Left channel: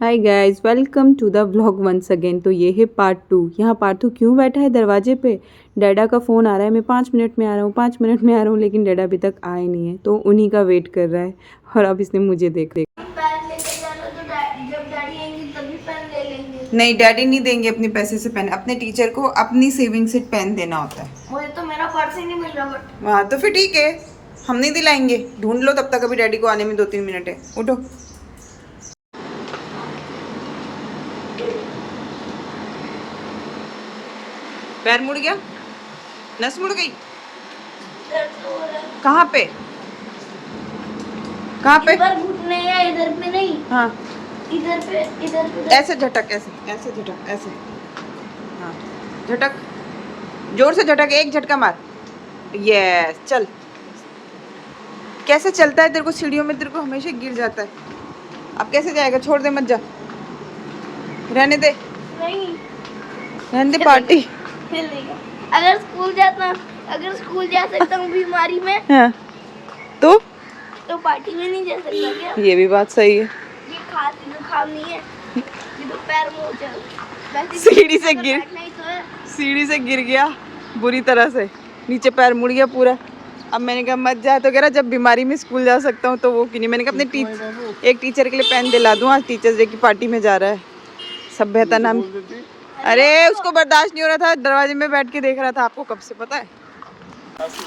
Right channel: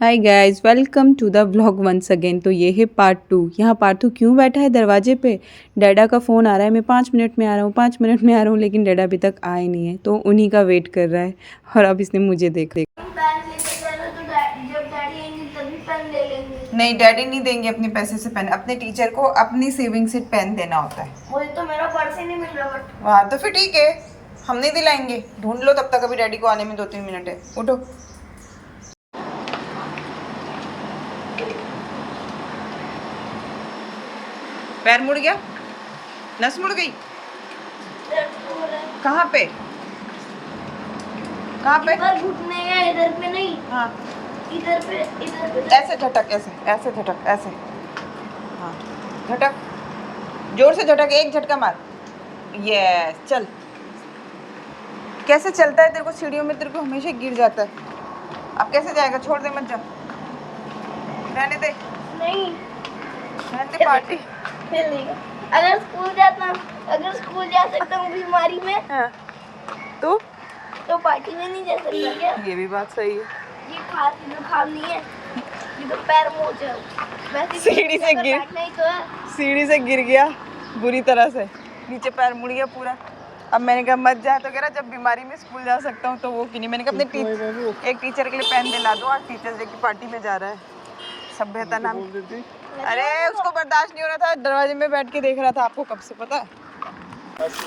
Hi guys, welcome to the vlog once again. तो ये है पार्ट 2। यहाँ पार्थू क्यों बैठा है दरवाजे पे? डैडा का फ़ोन आ रहा है, मैं 5 मिनट में आ रहा हूँ, 5 मिनट में आ रहा हूँ, लेकिन डैडा अभी तक आए नहीं है, तो उन्हीं का वेट कर रहा है। और अब इसने मुझे देख पेन लेके जाना तो जब डैडी आएंगे तभी पेन ले लेंगे। नहीं, डैडी नहीं देंगे अपने पैसे से पेन। अपने टीचर को अपनी सेविंग से पेन देना होता है। मुझे तो मेरा पर्स ही नहीं मिल रहा। बट हाँ तो फिर ठीक है, हम नहीं दिलाएंगे। ढूंढ लो तब तक, अभी डैडी को आने में 2-3 मिनट है। उठो। पैर मुड़ गया, नस मुड़ गई। कहाँ पे? कहाँ पे? इधर घुटने है, इधर पे नहीं। हाँ, इधर पे ऐसे झटक, ऐसे ऐसे झटक, ऐसे। हाँ, झटक, जोर से झटक, एक झटका मार। यस, चल। कैसे चलता है तेरे को? सीढ़ियों में तेरे को हमेशा गिर जाता है। अब कैसे जाएगा? छोड़ दे, मत जा, रहने दे, नहीं रहने दे पार्टी। चलेगा। अगर स्कूल जा सकता हूँ बीमारी में, हाँ, तो पार्टी में नहीं जा सकता क्या? ये भी बात सही है। ये खांसी जुकाम नहीं है, ये तो पैर मोच है। वैसे सीढ़ी से गिर, बैठना ही तो है। सीढ़ी से गिर गया बुरी तरह से, नीचे पैर मुड़ गया पूरा। अब मैंने कहा मत जाए, तो कह रहा जब बीमारी में स्कूल जा सकता हूँ तो वो क्यों नहीं। मैंने कहा अपने एक टीचर के लिए पेन दिला दूँ, आज टीचर्स डे की पार्टी में जा रहा है। सभ्यता नाम। अरे उसको बर्दाश्त नहीं हो रहा था, दरवाजे में बैठ के देख रहा था। आपको कब से पता है?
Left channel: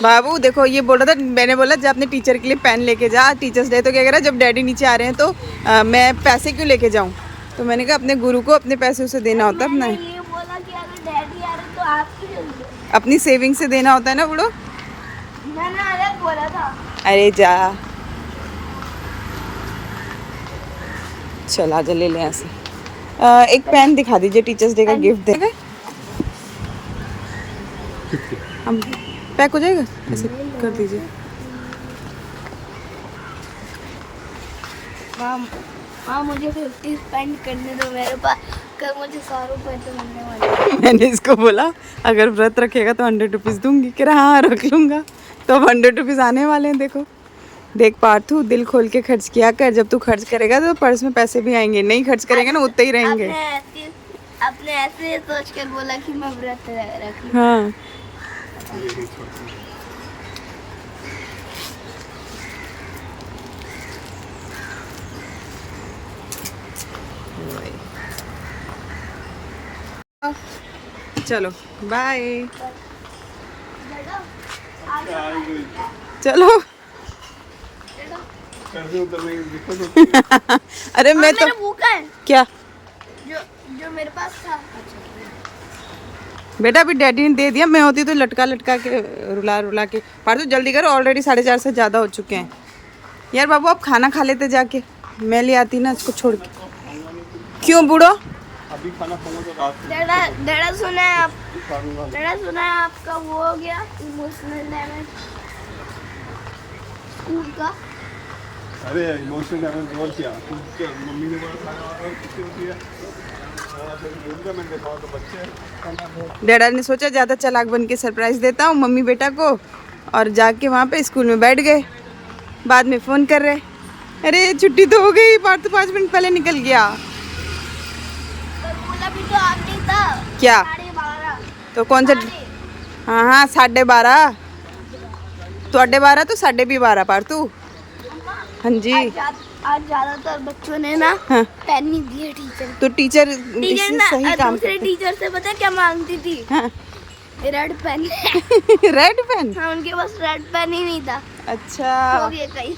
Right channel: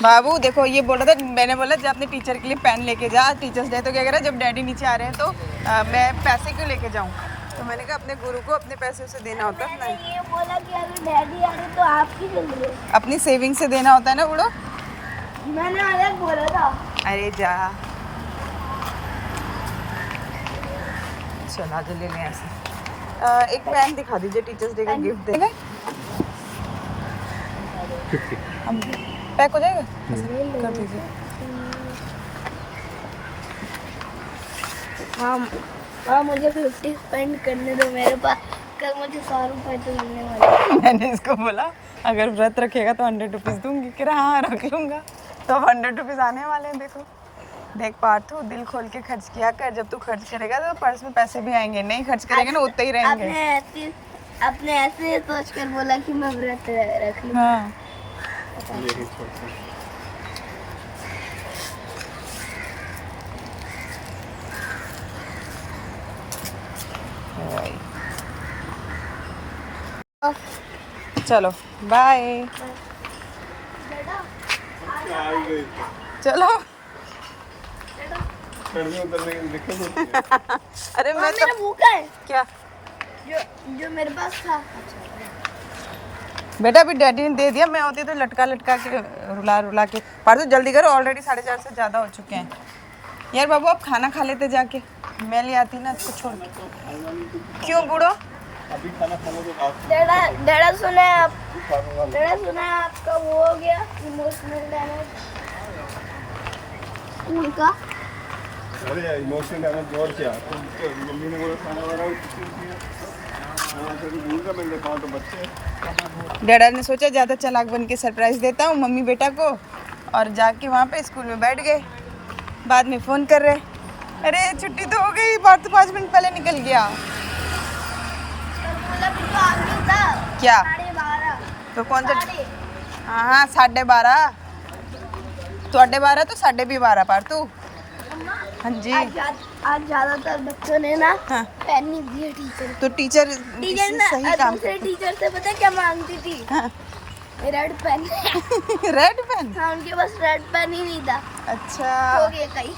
बाबू देखो, ये बोल रहा था, मैंने बोला जब अपने टीचर के लिए पेन लेके जा, टीचर्स डे। तो क्या कह रहा है, जब डैडी नीचे आ रहे हैं तो मैं पैसे क्यों लेके जाऊँ? तो मैंने कहा अपने गुरु को अपने पैसे उसे देना होता है, अपना ये बोला कि अगर डैडी आ रहे तो आपकी जल्दी अपनी सेविंग से देना होता है ना बुढ़ो। मैंने अलग बोला था। अरे जा, चल आजा, ले लें ऐसे। एक पेन दिखा दीजिए, टीचर्स डे का गिफ्ट दे। हम पैक हो जाएगा, ऐसे कर दीजिए। माँ मुझे 50 स्पेंड करने दो मेरे पास, कल मुझे 100 रुपए तो मिलने वाले। मैंने इसको बोला अगर व्रत रखेगा तो 100 रुपीज़ दूंगी। कह रहा हाँ रख लूँगा। तो अब 100 रुपीज़ आने वाले हैं। देखो देख पार्थू, दिल खोल के खर्च किया कर। जब तू खर्च करेगा तो पर्स में पैसे भी आएंगे, नहीं खर्च करेंगे ना उतने ही रहेंगे। आपने ऐसे सोच कर बोला कि मैं व्रत रख लूँ। हाँ, चलो बाय। चलो। अरे मैं तो भूखा है क्या जो मेरे पास था। बेटा, अभी डैडी ने दे दिया। मैं होती तो लटका लटका के रुला रुला के। पार्थू जल्दी करो, ऑलरेडी 4:30 से ज़्यादा हो चुके हैं। यार बाबू आप खाना खा लेते जाके, मैं ले आती ना इसको छोड़ के। क्यों बूढ़ो? डैडा सुना है आपका वो हो गया इमोशनल डैमेज स्कूल का। अरे इमोशनल डैमेज बहुत किया। तो मम्मी ने बोला खाना बनाओ, किचन किया। तो बच्चे डैडा ने सोचा ज़्यादा चालाक बन के सरप्राइज़ देता हूँ मम्मी बेटा को, और जाके वहाँ पे स्कूल में बैठ गए। बाद में फ़ोन कर रहे, अरे छुट्टी तो हो गई, बात तो 5 मिनट पहले निकल गया। भी तो आगे था क्या? 12:30। तो कौन सा? हाँ हाँ, 12:30। तो 12:30 तो 12:30 पार्थू। हाँ जी। आज ज्यादातर बच्चों ने ना हाँ, पेन नहीं दिए टीचर। तो टीचर ना सही काम दूसरे टीचर से पता क्या मांगती थी? हाँ। Red pen. Red pen? हाँ, उनके पास रेड पेन ही नहीं था। अच्छा, हो गया कहीं।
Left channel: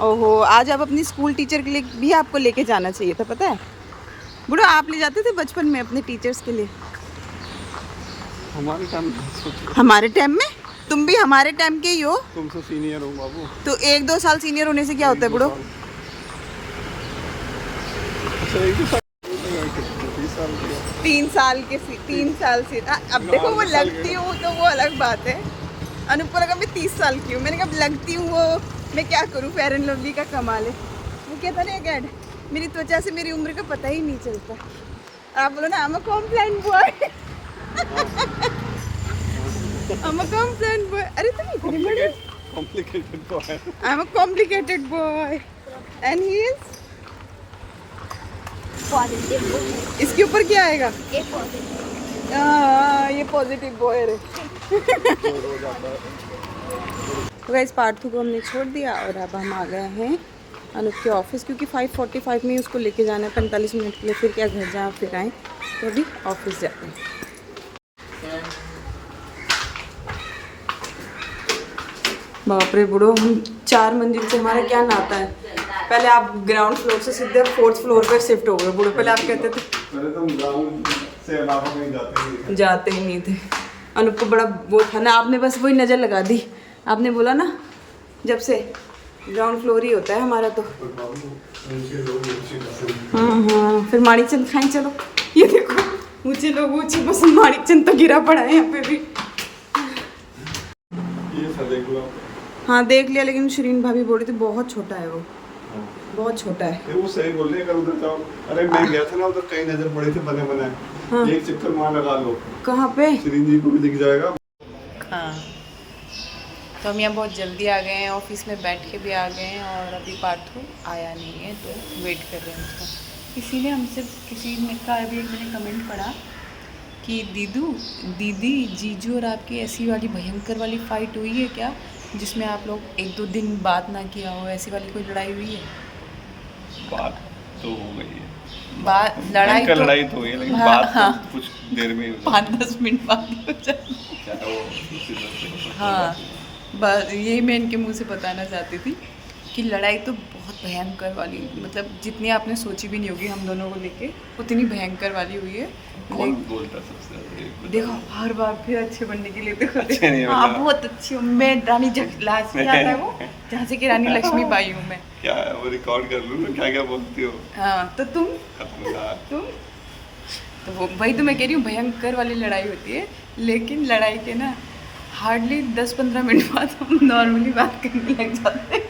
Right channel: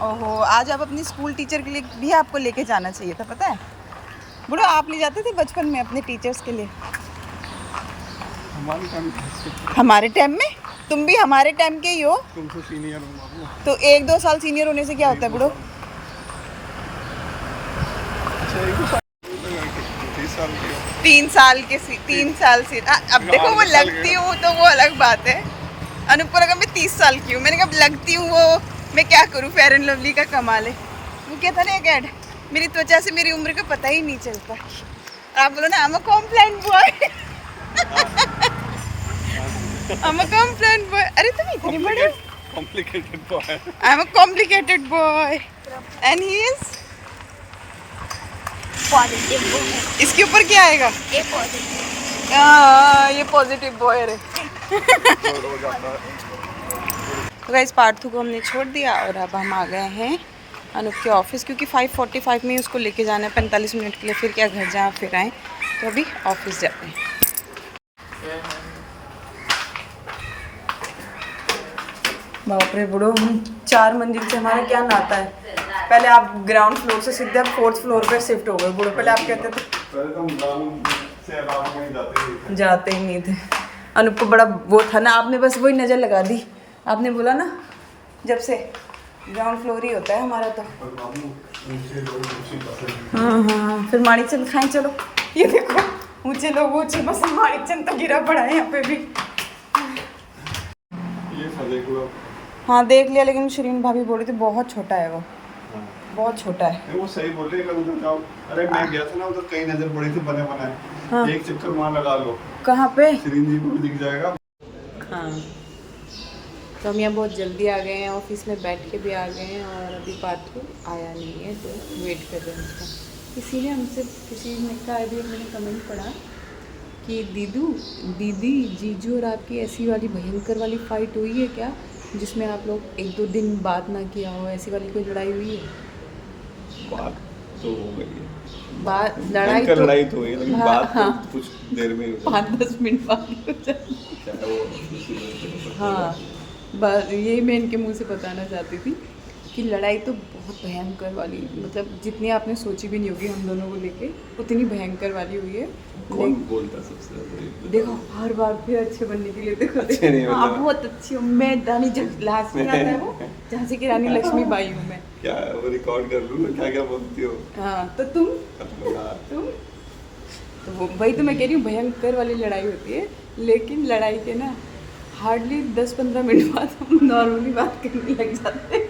ओहो, आज आप अपनी स्कूल टीचर के लिए भी आपको लेके जाना चाहिए था, पता है बुढ़ा। आप ले जाते थे बचपन में अपने टीचर्स के लिए। हमारे टाइम में? तुम भी हमारे टाइम के ही हो। तुमसे सीनियर हूँ बाबू। तो 1-2 साल सीनियर होने से क्या होता है बुढ़ो? 3 साल के 3 साल से। अब देखो वो लगती हूँ तो वो अलग बात है। अनुप लगा मैं 30 साल की हूँ। मैंने कहा लगती हूँ, वो मैं क्या करूँ, फेयर एंड लवली का कमाल है। वो क्या था ना एक ऐड, मेरी त्वचा से मेरी उम्र का पता ही नहीं चलता। आप बोलो ना, I am a compliant boy. I am a compliant boy. अरे तुम इतनी बड़े हो। Complicated boy. I am a complicated boy and he is positive वो है, इसके ऊपर क्या आएगा? ये पॉजिटिव। ये पॉजिटिव बॉय रे। तो गाइस पार्थू को हमने छोड़ दिया और अब हम आ गए हैं अनूप के ऑफिस, क्योंकि 5:45 में ही उसको लेके जाना है 45 मिनट के लिए, फिर क्या घर जा फिर आए, तो अभी ऑफिस जाते हैं। बाप रे बुढ़ो, हम 4 मंजिल से हमारा क्या नाता है। पहले आप ग्राउंड फ्लोर से सीधे 4th फ्लोर पे शिफ्ट हो गए बुढ़ो, पहले आप कहते थे पहले तो हम ग्राउंड से अलावा कहीं जाते ही नहीं थे। अनूप को बड़ा वो था ना, आपने बस वही नज़र लगा दी, आपने बोला ना जब से ग्राउंड फ्लोर ही होता है हमारा तो। हाँ, फिर माणिक चंद खाएं चलो, ये देखो ऊंचे लोग ऊंचे पसंद, माणिक चंद तो गिरा पड़ा है यहाँ पे भी। ये सब देखो आप। हाँ देख लिया, लेकिन शिरीन भाभी बोल रही थी बहुत छोटा है वो, बहुत छोटा है। वो सही बोल रही है, अगर उधर जाओ। अरे मैं गया था ना उधर, कई नजर पड़ी थी बने बनाए। हाँ। एक चक्कर वहाँ लगा लो, कहाँ पे? शिरीन जी को भी दिख जाएगा। हाँ तो हम यहाँ बहुत जल्दी आ गए हैं, ऑफिस में बैठ के भी आ गए हैं, और अभी पार्थू आया नहीं है तो वेट कर रहे हैं उसका। किसी ने हमसे, किसी ने कहा, अभी एक मैंने कमेंट पढ़ा कि दीदी जीजू और आपकी ऐसी वाली भयंकर वाली फाइट हुई है क्या, जिसमें आप लोग 1-2 दिन बात ना किया हो, ऐसी वाली कोई लड़ाई हुई है? बात तो हो गई है, बात लड़ाई तो हुई है, लेकिन हाँ, बात हाँ। तो कुछ देर में ही हो 5-10 मिनट बाद हो जाती। हाँ बस यही मैं इनके मुंह से बताना चाहती थी कि लड़ाई तो बहुत भयंकर वाली, मतलब जितनी आपने सोची भी नहीं होगी हम दोनों को लेके, उतनी भयंकर वाली हुई है। कौन बोलता सबसे ज्यादा? देखो हर बार फिर अच्छे बनने के लिए देखो अच्छे नहीं हाँ मतलब। बहुत अच्छी हूँ मैं, रानी लास्ट में आता है वो, झांसी की रानी लक्ष्मीबाई हूँ मैं। क्या वो रिकॉर्ड कर लूँ ना, क्या क्या बोलती हो? हाँ तो तुम खतरनाक। तो वो वही तो मैं कह रही हूँ, भयंकर वाली लड़ाई होती है, लेकिन लड़ाई के ना हार्डली 10-15 मिनट बाद हम नॉर्मली बात करने लग जाते हैं,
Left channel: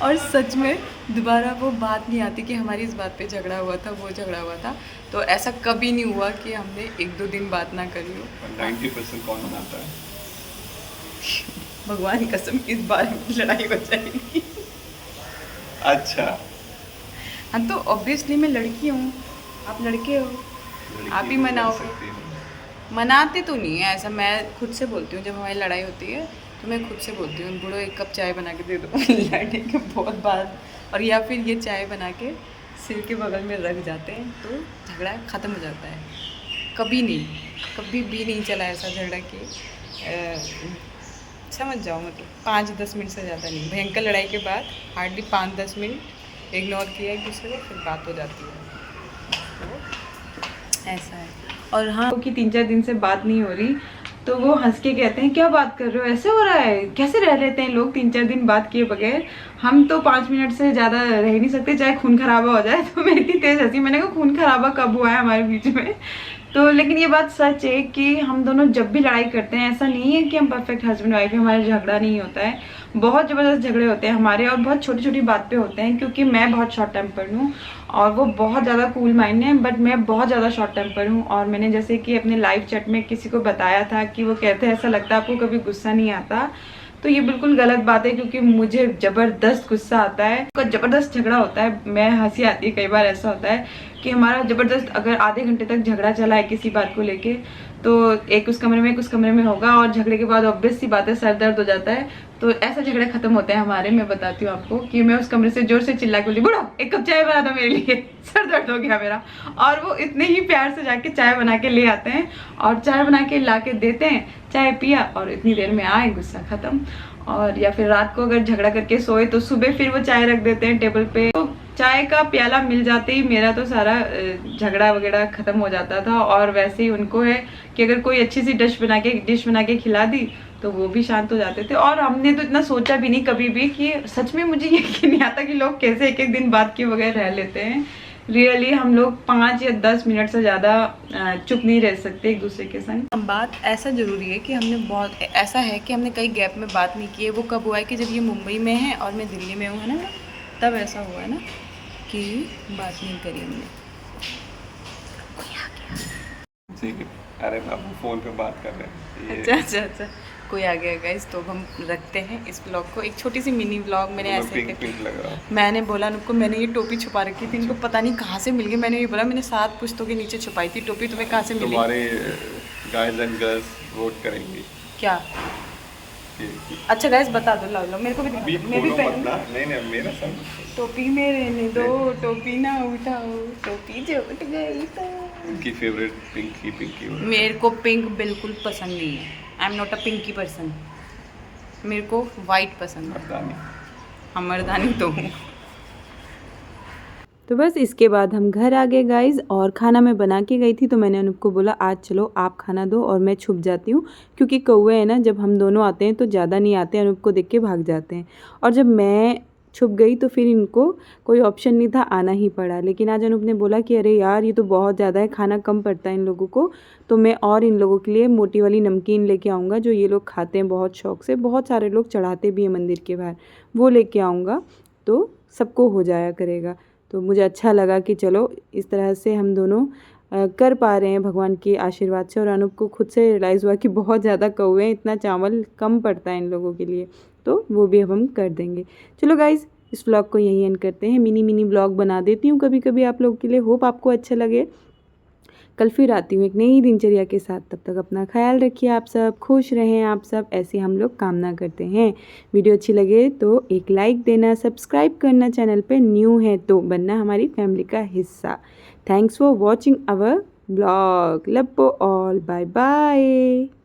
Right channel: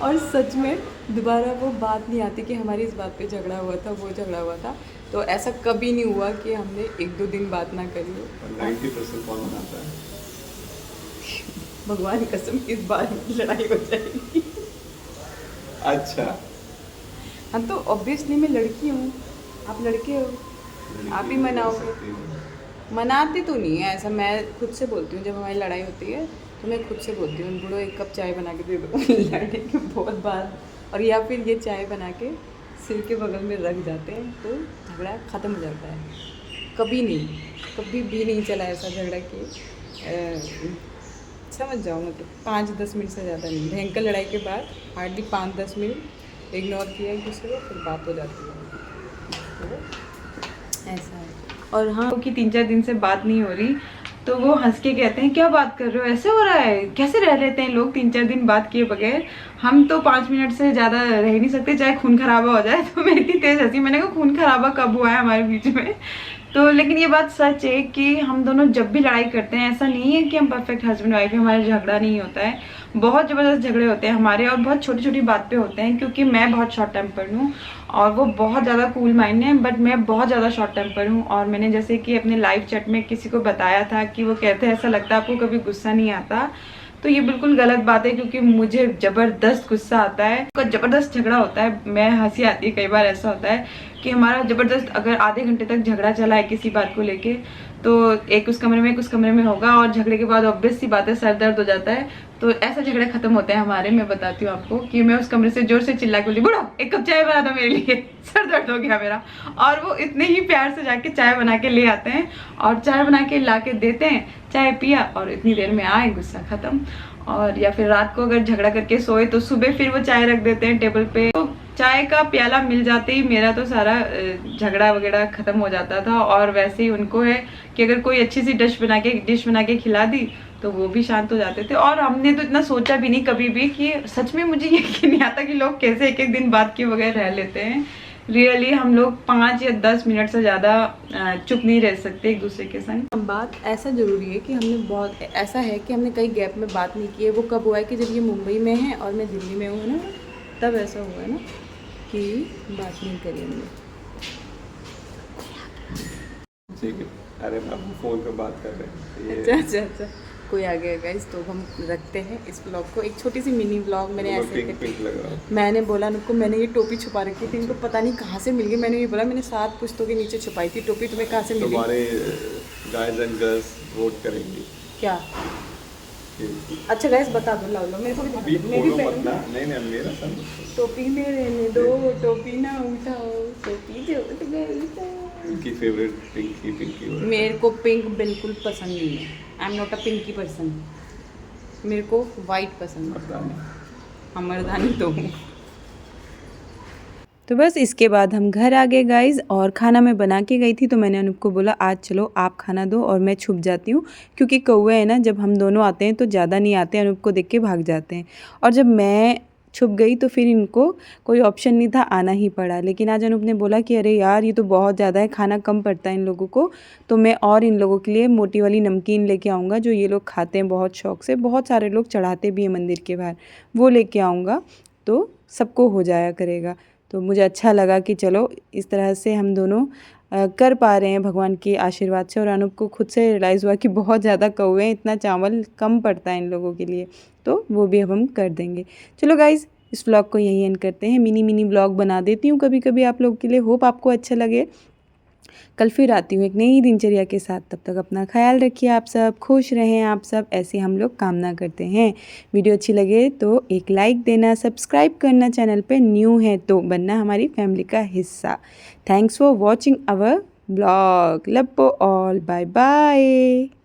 और सच में दोबारा वो बात नहीं आती कि हमारी इस बात पे झगड़ा हुआ था, वो झगड़ा हुआ था। तो ऐसा कभी नहीं हुआ कि हमने 1-2 दिन बात ना करी हो। 90% कौन मनाता है? भगवान कसम इस बार लड़ाई हो जाएगी। अच्छा, हाँ तो ऑब्वियसली मैं लड़की हूँ, आप लड़के हो, आप ही मनाओगे। मनाते तो नहीं है ऐसा, मैं खुद से बोलती हूँ जब हमारी लड़ाई होती है तो मैं खुद से बोलती हूँ बुढ़ो 1 कप चाय बना के दे दो लड़ने के बहुत बार, और या फिर ये चाय बना के सिर के बगल में रख जाते हैं तो झगड़ा ख़त्म हो जाता है। कभी नहीं, कभी भी नहीं चला ऐसा झगड़ा कि समझ जाओ, मतलब 5-10 मिनट से ज़्यादा नहीं। भयंकर लड़ाई के बाद हार्डली 5-10 मिनट इग्नोर किया एक दूसरे को, फिर बात हो जाती है। तो ऐसा है। और हाँ कि 3-4 दिन से बात नहीं हो रही तो वो हंस के कहते हैं क्या बात कर रहे हो, ऐसे हो रहा है, कैसे रह लेते हैं लोग 3-4 दिन बात किए बगैर, हम तो 5 मिनट से ज़्यादा रह नहीं सकते चाहे खून खराबा हो जाए। तो मैं इतनी तेज हंसी, मैंने कहा खून खराबा कब हुआ है हमारे बीच में। तो लेकिन ये बात सच है कि हम दोनों जब भी लड़ाई करते हैं, ऐसा नहीं है कि हम परफेक्ट हस्बैंड वाइफ है, हमारा झगड़ा नहीं होता है, बहुत ज़बरदस्त झगड़े होते हैं हमारे, और बहुत छोटी छोटी बात पे होते हैं, क्योंकि मैं बहुत शॉर्ट टेम्पर्ड हूँ और वो बहुत ज़्यादा कूल माइंड है, बट मैं बहुत ज़्यादा शॉर्ट टेम्पर्ड हूँ। और मैंने जैसे कि अपने लाइव चैट में किसी को बताया था कि वो कहते हैं ऐसा लगता है आपको कभी गुस्सा नहीं आता, तो ये बिल्कुल गलत बात है, क्योंकि मुझे ज़बरदस्त गुस्सा आता है, ज़बरदस्त झगड़ा होता है, मैं हंसी आती है। कई बार ऐसा होता है कि हमारा ज़बरदस्त अगर आधे घंटे तक झगड़ा चला है किसी बात को लेके, तो एक उस कमरे में एक उस कमरे में होगा, और झगड़े के बाद ऑब्वियस सी बात है सर दर्द हो जाता है। तो ऐसा झगड़े खत्म होते हैं हमारे। मैं बताती हूँ आपको कि मैं उस कमरे से जोर से चिल्ला के बोली बुढ़ो 1 कप चाय बना दो मेरे लिए, सर दर्द हो गया मेरा, और वो इतने ही प्यार से जाके चाय बना के ले आते हैं और चाय बना के ला के देते हैं, चाय पिया और इतनी देर में आए, गुस्सा खत्म। और या फिर रात को अगर झगड़ा करके सोए तो सुबह फिर वो चाय रख देते हैं टेबल पे, तो चाय का प्याला मिल जाते ही मेरा तो सारा झगड़ा वगैरह खत्म हो जाता था। और वैसे ही उनको है कि अगर कोई अच्छी सी डिश बना के खिला दी तो वो भी शांत हो जाते थे। और हमने तो इतना सोचा भी नहीं कभी भी कि सच में मुझे यकीन नहीं आता कि लोग कैसे 1-1 दिन बात किए बगैर रह लेते हैं। रियली हम लोग 5 या 10 मिनट से ज़्यादा चुप नहीं रह सकते एक दूसरे के संग। बात ऐसा ज़रूरी है कि हमने बहुत ऐसा है कि हमने कई गैप में बात नहीं की है। वो कब हुआ है कि जब ये मुंबई में है और मैं दिल्ली में हूँ, है ना, तब ऐसा हुआ है ना कि बात नहीं करी हमने। ठीक है, अरे बाबू फ़ोन पे बात कर रहे हैं। अच्छा, कोई आ गया गाइस, तो हम रखते हैं इस ब्लॉग को। एक छोटी सी मिनी ब्लॉग मैंने ऐसे पिंक लग रहा है। मैंने बोला उनको, मैंने ये टोपी छुपा रखी थी, इनको पता नहीं कहाँ से मिल गई। मैंने ये बोला मैंने 7 पुस्तकों के नीचे छुपाई थी टोपी, तुम्हें कहाँ से मिली? तुम्हारे गाइस एंड गर्ल्स वोट करेंगे क्या? कि अच्छा गाइस बता दो, लो मेरे को भी अभी दिखा दो, मैं भी खोलो मत पहनूं। ना। नहीं मेरा सन टोपी में रहने दो, टोपी ना उठाओ, टोपी जो उठ गई तो। उनकी फेवरेट पिंकी हो। मेरे को पिंक बिल्कुल पसंद नहीं है। I am not a pinky person. मेरे को वाइट पसंद है। मर्दानी। हम मर्दानी तो हूँ। तो बस इसके बाद हम घर आ गए गाइज, और खाना मैं बना के गई थी तो मैंने अनूप को बोला आज चलो आप खाना दो और मैं छुप जाती हूँ, क्योंकि कौवे हैं ना, जब हम दोनों आते हैं तो ज़्यादा नहीं आते, अनूप को देख के भाग जाते हैं। और जब मैं छुप गई तो फिर इनको कोई ऑप्शन नहीं था, आना ही पड़ा। लेकिन आज अनूप ने बोला कि अरे यार ये तो बहुत ज़्यादा है, खाना कम पड़ता है इन लोगों को, तो मैं और इन लोगों के लिए मोटी वाली नमकीन लेके आऊँगा जो ये लोग खाते हैं बहुत शौक से, बहुत सारे लोग चढ़ाते भी हैं मंदिर के बाहर, वो लेके आऊँगा तो सबको हो जाया करेगा। तो मुझे अच्छा लगा कि चलो इस तरह से हम दोनों कर पा रहे हैं भगवान के आशीर्वाद से। और अनूप को खुद से रियलाइज़ हुआ कि बहुत ज़्यादा कौवे हैं, इतना चावल कम पड़ता है इन लोगों के लिए, तो वो भी अब हम कर देंगे। चलो गाइज़ इस व्लॉग को यहीं एंड करते हैं। मिनी व्लॉग बना देती हूँ कभी कभी आप लोगों के लिए, होप आपको अच्छा लगे। कल फिर आती हूँ एक नई दिनचर्या के साथ, तब तक अपना ख्याल रखिए, आप सब खुश रहें, आप सब ऐसे हम लोग कामना करते हैं। वीडियो अच्छी लगे तो एक लाइक देना, सब्सक्राइब करना, चैनल पे न्यू है तो बनना हमारी फैमिली का हिस्सा। Thanks for watching our blog. Love all, bye bye.